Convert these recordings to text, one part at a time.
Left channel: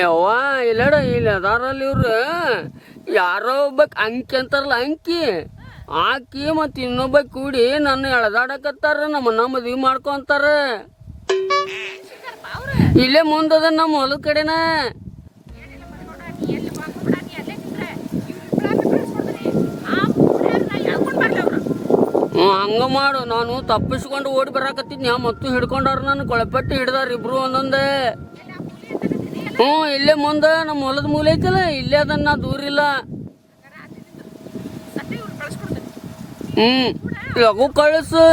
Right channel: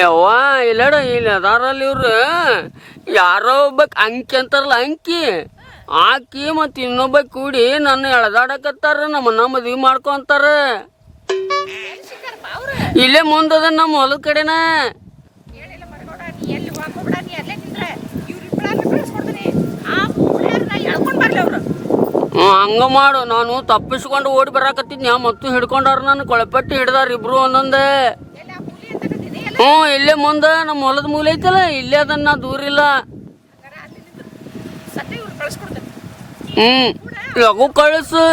ಯವ್ವ ಇಲ್ಲಡ ಇಲ್ಲಿ ಅದಾರಲ್ಲಿ ಇವ್ರು ಯಾರೋ ಒಬ್ಬಕ್ ಅಂಕಿ ಅಂತಾರಲ್ಲ ಅಂಕಿ ಆಕಿ ಮತ್ತು ಇನ್ನೊಬ್ಬ ಕೂಡಿ ನನ್ನ ಎಳ್ದಾಡಕತ್ತಾರ ನಮ್ಮನ್ನ ಮದ್ವಿ ಮಾಡ್ಕೊಂತಾರ. ಇಲ್ಲೇ ಮುಂದದ ನಮ್ಮ ಹೊಲದ ಕಡೆನ. ಹಂಗ ಮಾಡು, ನಾನು ತಪ್ಪಿಸ್ಕೊಂಡು ಓಡಿ ಬರಾಕತ್ತಿದ್ನ ಮತ್ತು ಹಿಡ್ಕೊಂಡಾರ ನಾನು ಕೊಳಪಟ್ಟಿ ಹಿಡ್ದಾರ ಇಬ್ರು ಒಂದೊಂದೇ. ಇಲ್ಲೇ ಮುಂದ ನಮ್ಮ ಹೊಲದ ಮೂಲೆ ಐತಲ್ಲ ಇಲ್ಲೇ ಅದನ್ನ ದೂರ ಇಲ್ಲ. ಲಘು ಕಳಿಸು.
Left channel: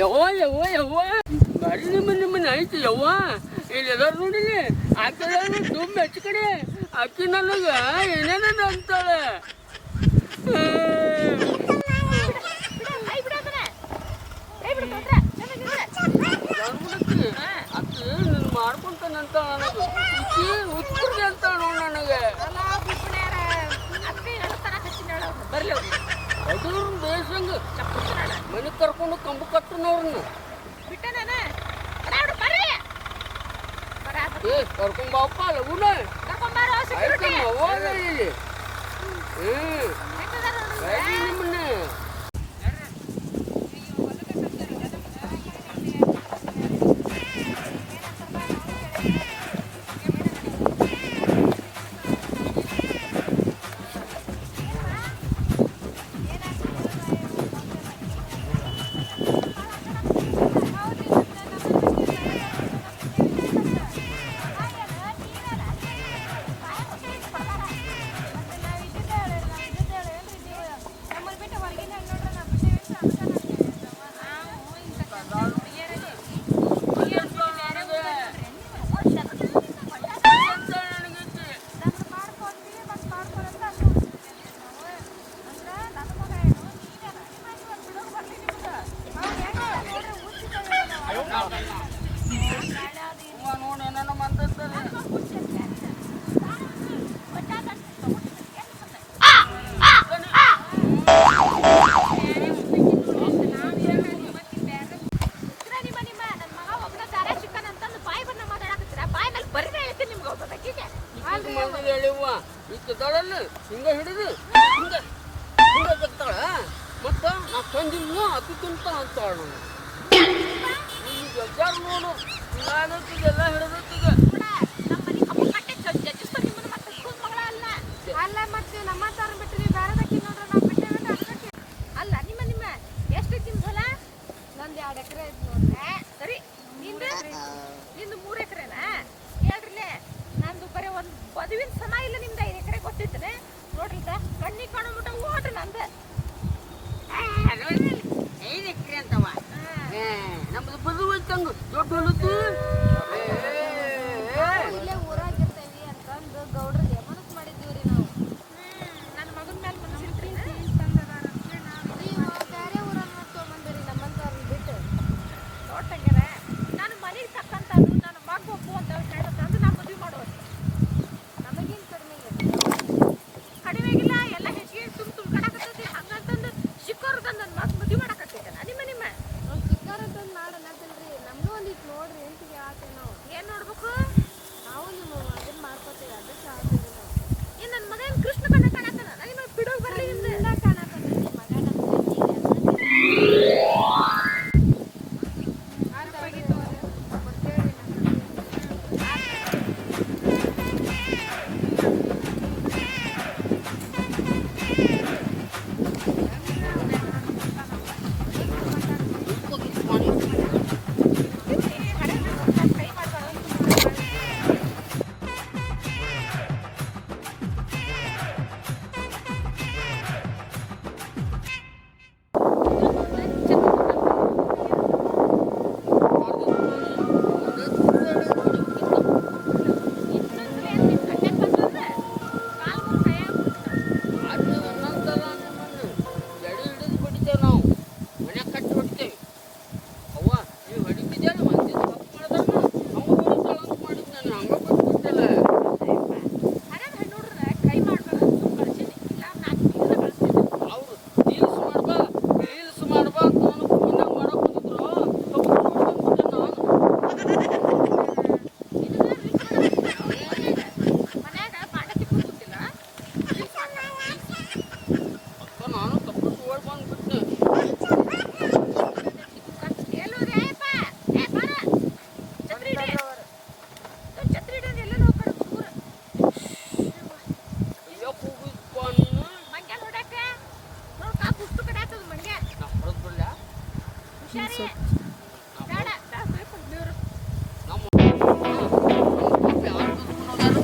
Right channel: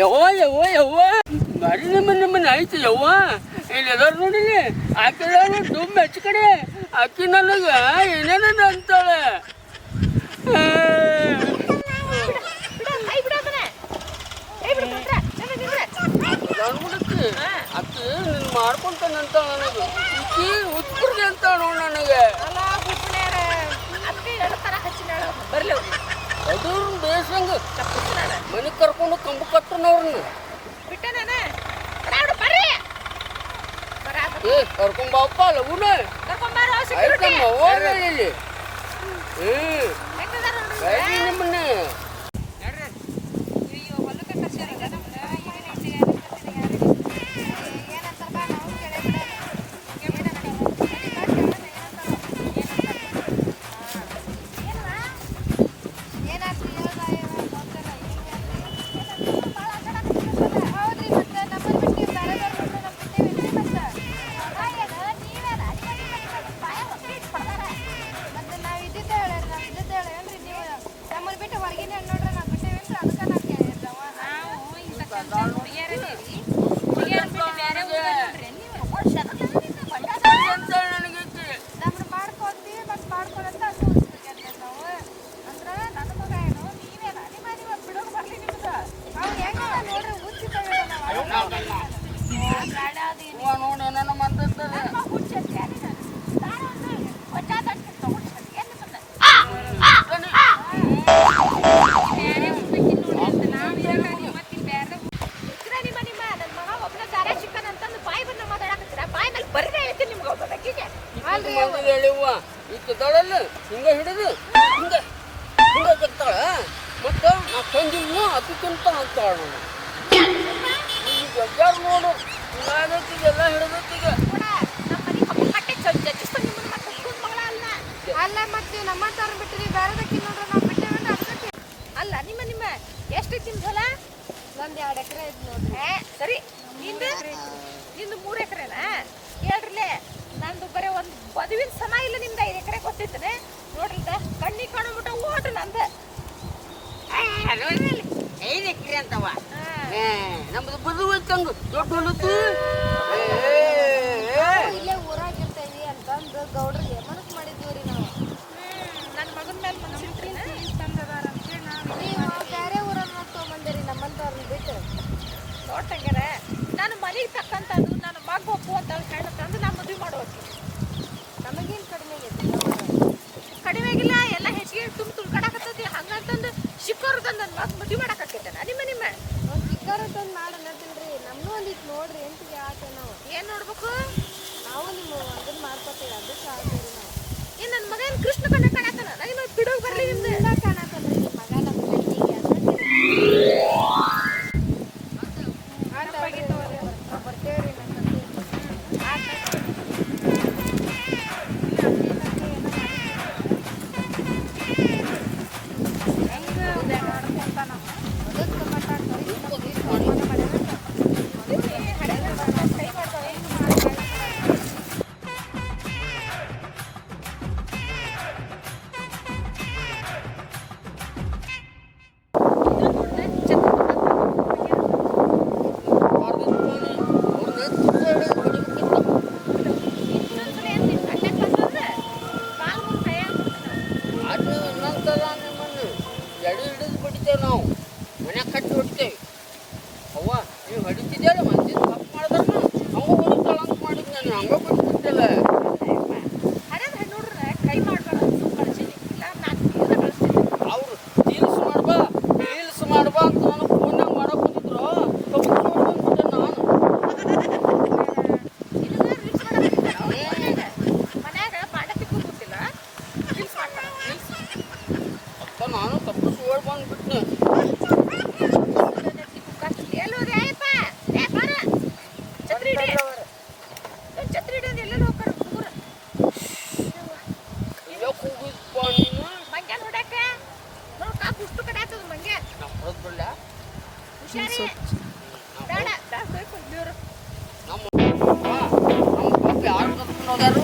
ಯವ್ವ ಬರೀ ನಿಮ್ಮನ್ನ ಐತಿ ಯವ್ವ. ಇಲ್ಲಿ ಎದಾರ ನೋಡಿಲಿ ಆಕೆ ತುಂಬ ಹೆಚ್ಚು ಕಡೆ ಆಕಿ ನನಗ ಏನೇನ ಅಂತಾಳೆ. ಅಕ್ಕಿ ನಿನ್ ಮಾಡ್ಕೊಂತಾನಂತ ನನಗೆ ಇಕ್ಕಿ ಉತ್ಪುರ್ಗೆ ಅಂತ ನೋಡು ನನಗೆ. ಅದು ಬೇಸಂಗ ಮನೆ ಕರ್ಕೊಂಡು ಕಂಬ ಕಟ್ಟನವ್ರನ್ನ ಕರ್ಕೊಂಬಪ್ಪ ಲಗುನ ನಿಮ್ಮನ್ನ. ಹಿಂಗ ಹಿಡಿದು ಹಿಂಗ ಹಿಂಗ ತೆಗ್ತಾಳ ಮತ್ತ ನಾ ತಂದಿಲ್ಲ ಅದಕ್ಕಿಂತ ಅಂತಾಳ. ಜಗ್ಗಾರ ನೋಡು ಎಲ್ಲ ಹಿಡಿದೀಗ ಅಲ್ಲ ಮತ್ತೆ ನಮ್ಮ ತರ ಬಿಟ್ಟಿರಿ ಬೇರೆದಕ್ಕೆ ನೋಡ್ರಿ ನಾವು ಬಿಟ್ಟೇವೇನ್ರಿ ಅದಕ್ಕೆ. ಅಲ್ಲ ನಿಮ್ಮ ಎಷ್ಟೈತಿ ನಿಮ್ದು ಹೊಲ? ನಂದು 2 ಎಕರೆ ಐತಿ ನೋಡ್ರಿ. ಸರಿ ನಿಂದು 3 ಎಕರೆನಾ? ಹೇಳ್ರಿಲೆ ನಂದು ಬರೀ ಒಂದು ಬದುವಿನ ಸಮ ಇಲ್ಲ. ನಿಮ್ದು 5 ಎಕರೆ ಗೊತ್ತಿತ್ತನೆ ನೋಡ್ರಿ. ಕಣ್ಣಿ ಕಾಣಬಿಟ್ಟ ಓಡ್ರಿ ನಂದ 5 ಎಕರೆ ಅಂತವ. ನಮ್ದು ಬದುವು ಚಂಗ ದೊಡ್ಡ ಹೊಲತ್ತು ಇಲ್ಲೇ ಊರಾಗಿರ್ತೇವಿ ಅಂತಂದು ಗೌಡ್ರಿಗೆ ಮನಸ್ಸು ಮಾಡಿದ್ದೀವ್ರಿ ನಾವು. ನನ್ನ ಮಗನ ಮೇಲೆ ಮನಸ್ಸಿಟ್ರಿ ಚಂದದಾರ ಅಂತೇಳಿ ನೀವು ಬೇರೆ ಊರನ್ನ ತೊಗೊಂಬಂದಿರಿ ನಮ್ಮಂತವ್ರನ್ನ ಬಿಟ್ಟು. ನೋಡ್ತಂಗಾರ ನಾನು ಮನೆಗೆ ತಕ್ಕಂಥದ್ದು ನನ್ನ ಮಗ ಒಪ್ಪು ಅಂತ ಹೆಣ್ಣು ತಂದು ನಾ ಮದುವೆ ಮಾಡುವಕ್ಕೆ. ನಮಗೇನು ಕಡಿಮೆ ಆಗೈತಿ? ಕಡಿಮೆ ಆಗಿಲ್ಲ, ಎಲ್ಲ ಹೆಚ್ಚಿಗೆ ತುಂಬ್ಕಡಾಕತ್ತೈತಿ. ಹಂಗಂತಂದು ಶಿಕ್ಕವ್ರು ತಂದು ನನ್ನ ಮಗ ಮದುವೆ ಮಾಡಾಕತ್ತೈತನ ನಿಮ್ಮ ನಾವು ಶಿಕ್ಕವ್ರು ತಂದು ಮಾಡಿ ಅನ್ನತ್ತಿಲ್ರಿ. ನಮ್ಮನ್ನೂ ಒಂದಿಟ್ಟು ನೋಡ್ರಿ ಎಂಟಿಗೆ ಆತೆ. ನಾವು ಏನು ನೋಡ್ಬೇಕು? ನಾವು ನಿಮ್ಮ ಅದನ್ನ ಮಾಡ್ಕೊತೇವೆ ಅದಕ್ಕೆ ಆಗ್ತೇವೆ ನಾವು. ಏನು ನನ್ನ ಮಗ ಏನು ಕೃಷ್ಣ ಕಣ್ಣ ಕಾಣತ್ತಾನ? ನನಗೆ ಬಿಡೋಗಿ ಬರ್ಲಿ ನಿಮ್ದು ಕಾಣತ್ತಲ್ರಿ ನಿಮ್ಮ ಮಗ ನಮ್ಮ ಕಣ್ಣಿಗೆ ನಾವು ಬರ್ತೇವ್ರಿ. ಹೊಡಿತೇವೆ ಅವ್ವ ನೀವು ಹೊಡಿತಿದ್ಯಲ್ಲ ಮಂದಿ ತಪ್ಪು ಮಾಡಿದ್ರನು ಹಂಗ ಹೊಡಿತಾಳ ಅಂತ ಮಾಡಿದ್ ನಾನು ಹಂಗ ಬಿಟ್ಬಿಟ್ಟಿಲ್ಲ ಹರಿಯದ ಹೆಣ್ಣುಡ್ರ ಕೈ ಮಾಡ್ಬಾರ್ದು ಸುಮ್ ಕಳ್ಸೀನಿ ಇಲ್ಲ ನಾನು ಬೀರ ಕಳಿಸ್ತೀನಿ ಅವ್ರು ರೀಲ್ಸ್ ಮಾಡ್ಬಾ ಅಂತ ನಾನು ಫೋನ್ಯಾಗ ಮಾಡಕ್ ಬಂದಿದ್ರು ತಪ್ಪು ಬಂದ್ಬಿಟ್ಟೆ ನಾನು ಮನ್ಯಾಗ ಮಾಡಕ್ಕೆ ಕೂತಿಲ್ಲ ರೀಲ್ಸ್ ಅಕ್ಕ ನಾನು ತಪ್ಪು ಓಡ್ ಬಂದ್ಬಿಟ್ನೆ ಛತ್ರಿ ಹಿಡಿದು ಎಲ್ಲೆಲ್ಲ ಹೋಗ್ತಾರ ಹುಡುಗರು ಹೋಗಿದ್ಪ ನೀನು ಮಂಗ್ಯಾನ ಹೊಡ್ಯಾಕ ನೋಡ್ ಕಾಪ್ ಉಷ್ಟು ಕಡೆ ಆಗ್ತದ ಮಂಗ್ಯ ನಾ ಹೊರದ್ ಬಿಡ್ಲ ಹುಷಾರಿ ಬೇಡ ಬೇಕು ದೇವ್ರು ನಮ್ಮ ಪಾಪ ಯಾರು ಕರ್ಕೊಂಡು ಹೋಗ್ಯಾರು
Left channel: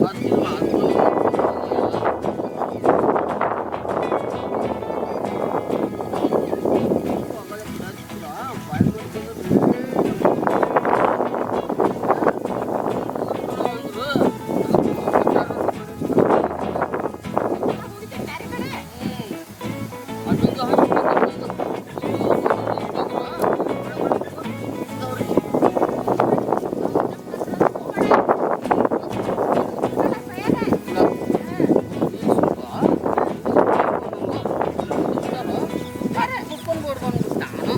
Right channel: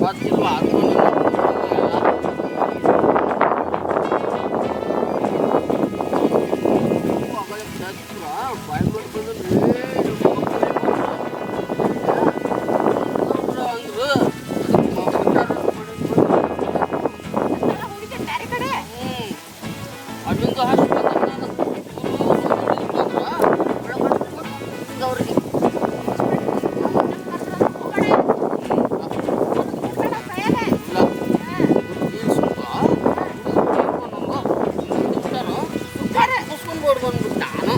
ಗೊತ್ತಿಲ್ವಾ ಅದು ಅಲ್ಲಿಂದ ಬಂದ್ಬಿಟ್ಟು ನಾನು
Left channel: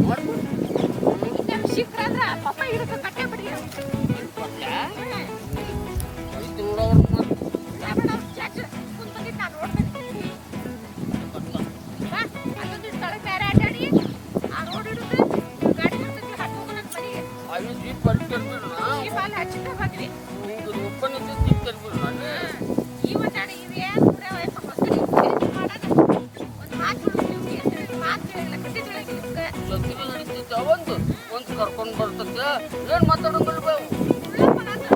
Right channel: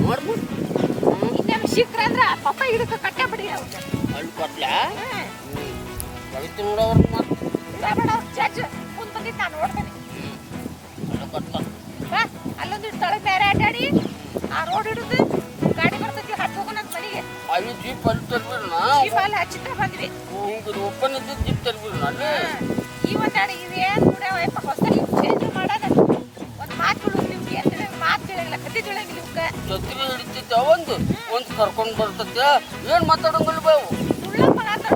ನೋಡ್ಬಿಟ್ಟು ಶೀಘ್ರ ಅಂದ್ರ ಪಪ್ಪ ಹಿಡಿದು ಕಟ್ಟೆ ಬಿಡಿ ಅಲ್ಲಿ ಕೊಟ್ಲ ಕಳಿತು ನೋಡೋರು ಮತ್ತೆ ಚಾಚು ಮುಂದ್ ಬಂದಿದ್ದು ನಾನು ನೋಡ್ತೇನೆ ಅಲ್ಲಿ ಕೊಟ್ಟ ಬಾ ಅಲ್ಲೊಂದಿಟ್ಟು ತಳಗ್ ಬೇರೆ ಆಟಾಡಿ ಆ ರೋಡ್ ಹಿಡಿದು ಗಾಡಿ ಬರ್ತೈತಿ ಹತ್ತು ಹೋಗೋ ನನ್ನ ಮನೆಗೆ ಅಲ್ಲಿ ಜೀಪ್ ಅಲ್ಲಿ ತರ್ಬಿಡ್ನ ಜೀಪ್ ಅಲ್ಲಿ ಹಚ್ಚಿಟ್ಟ ಬಂದ್ವಿ ಹಿಂಗೆ ಓಪನ್ ಇದ್ದ ಜೀಪ್ ತರ್ಬಿಡ್ನ ಅಲ್ಲಿ ಇವತ್ತಾಡಿ ಇವೇನ್ ಕೂಡ ಹೊಸದಾಗಿ ಚೇಂಜ್ ಮಾಡೋದ ಒಂದ್ ಮಾತು ಬಿಡು ನಿಮ್ಗೆ ಅಂತ ಮಾತು ತಿಳಿಲ್ಲ ಕತೆ ತಿಳಿಯಂಗಿಲ್ಲ ನಿಮ್ಗೆ ಛತ್ರಿ ಹಿಡಿತಿದ್ದ ಒಂದು ಕರ್ಕೊಂಡು ಬರ್ತೈತೆ ಏನು ಮಾತಾಡಂಗಿಲ್ಲ ಬಾವು ಸುಳ್ಳ ಮಾತಾಡ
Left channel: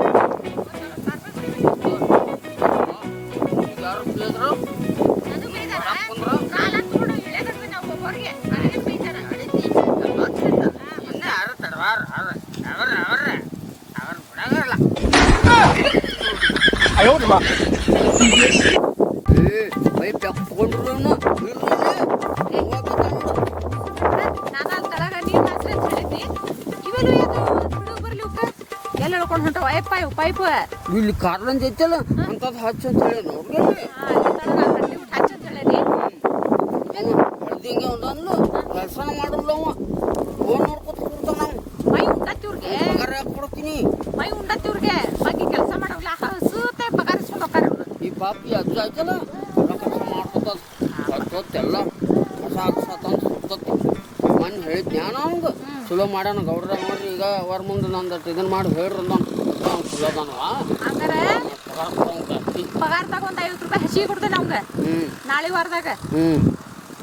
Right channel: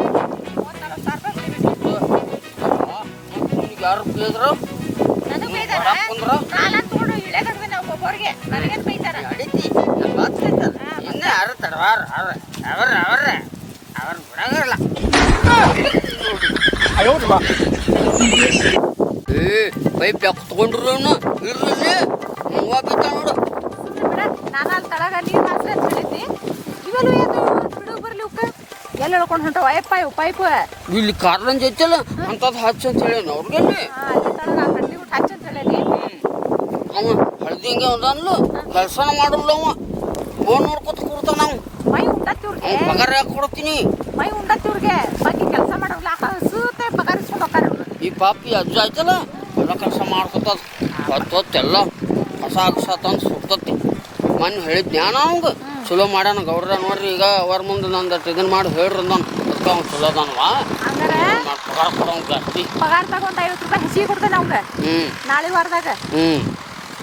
ಯಾರು ಬೇದ್ರು ನನಗೆ ಬೈದಾರ ಕಾಲ ತೋಡು ಇಳೆ ಕಡ್ವಿ ನಾವು ಒಬ್ಬರಿಗೆ ನನಗೇನು ಬೈತಾರ ನಡೀತಿ ಇನ್ನ ಯಾರು ತಡವಾರ ಅವ್ರ ಬಿಡಾಗಲ್ಲ ಪೈಪ್ ಯಾಕೆ ತಗೊಂಡ್ರು ಇರ್ಲಿ ಹೂವ ಬಿದ್ದ ನೋಡು ನಾನು ಅಲ್ಲಿ ತಳಗ ನೀರು ಮಾತ್ರ ಅಂತ ಹೇಳಿದ್ನಿ ಇವೆಲ್ಲ ಯಾಕೆ ಬಿಡು ಬರ್ಲಿ ಉಕ್ಕ ಎಲ್ಲ ಹೇಳ್ಕೊಂಡು ಹೊಂಟವ ಅಯ್ಯಪ್ಪ ಇವು ಪೈಪ್ ಇಲ್ಲಿ ಕಾರ್ದಂಜ್ ಐತಲ್ಲ ಅಂತದ್ ಹಚ್ಚ ಅಂತ ಹೇಳಿ ಅವ್ರಿಗೆ ತಳಗ ಕಡ್ಲಿ ಊಟ ಹಚ್ಚ ಅಂತ ಹೇಳೀನಿ ಅವ ಹಳ್ದಿಂಗೆ ಅವನು ಕೆಲಸನ ಮಾಡಲ್ಲ ಅವ ಫೋನ್ ನೋಡ್ಕೊತ ಕೂರ್ತಾನ ನಾವು ಮೈ ಉಂಡತ್ತಿವ್ರಿಗೆ ಪಗಾರ ಯಾಕೆ ಕೊಡ್ತೀನಿ ಮೈ ಉಂಡತ್ತಿವ್ರಿಗೆ ಬಗ್ಗೆ ಕೆಲಸ ಮಾಡೋಲ್ಲ ಹಸುತ್ತೆ ಪಗಾರ ಇಸ್ಕೊಂಡು ಹೋಗ್ತಾರ ಇವ್ರು ಈ ಪಾಪಿ ಅಜ್ಜ ಆಯ್ತಲ್ಲ ಎಲ್ಲ ಕೆಲಸ ಮಾಡ್ಕೊತದ ಹೊತ್ತೊತ್ತೆಲ್ಲ ಹೊಸ ತಂದು ಸುಡ್ತತಿ ಮೊನ್ನೆ ಹೇಳಿದ್ ಜ್ಞಾನ ಅವಂಗ ಚಲೋ ಮಾಡ್ಯಾನ ಗೌಡ್ರ ನೋಡ್ರಿ ಈಗ ಅವ್ರ ಮುಂದೆ ನಂದಟ್ಟು ಇದನ್ನ ಮಾಡಿ ಹೇಳ್ರಿ ಅಂದಾನ ಅದಕ್ಕೆ ಅವ್ನು ಚಲೋ ಅದಾನವ ಹಂಗಾರ ಪಗಾರ ಕೊಡೋನ್ ಜಾಸ್ತಿ ಪಗಾರ ತಗೊಂಡು 50 ರೂಪಾಯಿ ಹಸಿ ಕೊಡ್ತೇನೆ ಅವಂಗ ನಾಳೆ ವಾರದಾಗ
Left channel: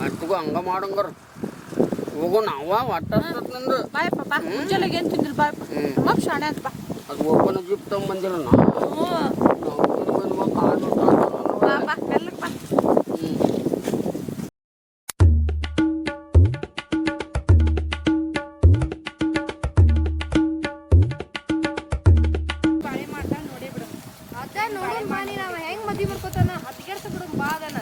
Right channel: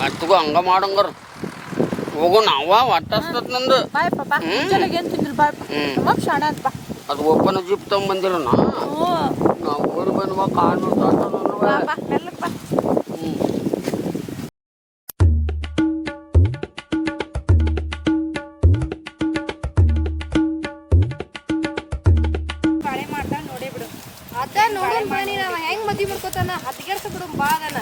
ಮತ್ತಿಗೂ ಹಂಗ ಮಾಡಂಗಾರ ಹೋಗು ನಾವ ಒಟ್ಟಸ್ತತ್ ನಂದು ಬಾಯಪ್ಪ ಬಾ ಮುಂಜಾನೆಗೆ ಏನು ತಿಂದಿಲ್ಲ ಬಾಯಪ್ಪ ನಮ್ಮಪ್ಪ ಶಾಣೆ ಅಂತ ಬಾ ಅದು ಓಪನ್ ಜೀಪ್ ತಗೊಂಬಂದಿರ ನಾವು ಓಡಿ ಬಂದ್ವ ಕಾಲು ಬಾ ಮೆಲ್ಲಕ್ಕೆ ಬಾ ಬಾಳೆ ಮಾಡ್ದ ನೋಡೇ ಬಿಡು ಅದ ನೋಡೋಣ ಬಾ ನೀನು ಹೆಂಗ್ ಮದ್ವಿ ಮಾಡ್ಕೋತಾನ ಹದ್ಗೆಡ್ಸ ಬಿಡು ಬಾ ಅದನ್ನ